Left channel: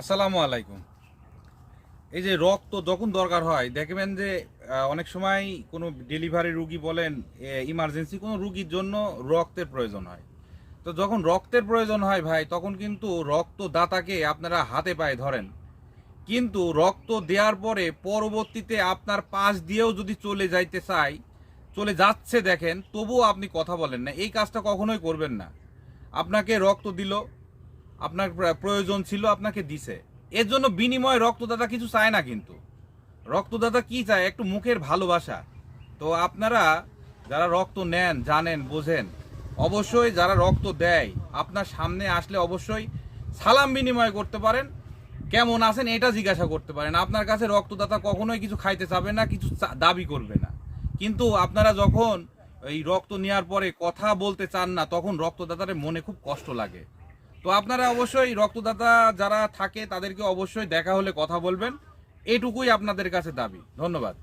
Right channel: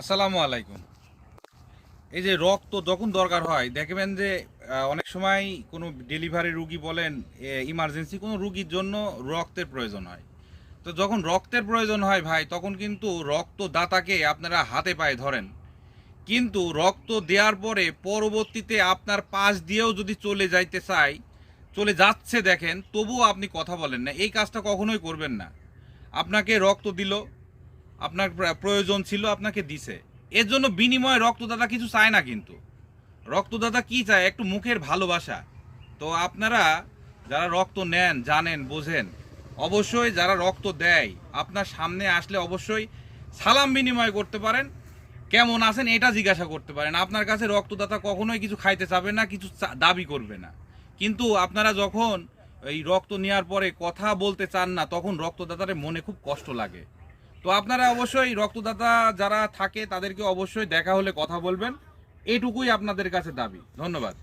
আসসালামু আলাইকুম। এই যে রক্ত যখন দরকার হয়, দেখবেন যে অনেক সময় কোনো ডেলিভারি রুগী বলেন ইমার্জেন্সি কোনো রুগীর জন্য রক্তের প্রয়োজন হয়। তো যখন রক্তের প্রয়োজন হয় ভাই, তখন কিন্তু রক্তদাতাকে আপনারা হাতে পায়ে ধরেন। কিন্তু রক্ত দেওয়ার পরে পরবর্তীতে আপনার পাশ দিয়েও যদি চলে যাইতে চাই চলে যাচ্ছে দেখেন, তবুও আপনি কথা বলেন না। এই কাজটা কখনোই করবেন না। আপনাকে রক্ত দিল আপনার প্র- প্রয়োজন ছিল আপনাকে দিছে। এর জন্য বিনিময়ে রক্তদাতা কিছু চায় না কিন্তু। রক্তদাতা কি চায়? একটু মুখের ভালোবাসা। তো আপনারা যারা রক্ত নেন, জানেন, বোঝেন, অবশ্যই যারা রক্ত দেয়, আপনার সামনে আসলে অবশ্যই সালাম বিনিময় করতে পারেন। কেমন আছেন এটা জিজ্ঞাসা করতে পারেন। আপনার কাছে রক্তদাতা কখনোই কিছু খাইতে চাবে না, কিছু দাবি করবে না। কিন্তু আপনারা যখন এই রক্ত নেওয়ার পরে কথা বলতে চান না, তখন রক্তদাতার মনে খুব কষ্ট লাগে। তো আপনারা অবশ্যই রক্তদাতা যারা থাকে তাদেরকে অবশ্যই দেখা হলে কথা বলবেন। এটুকুই আপনাদের কাছে দাবি। ধন্যবাদ।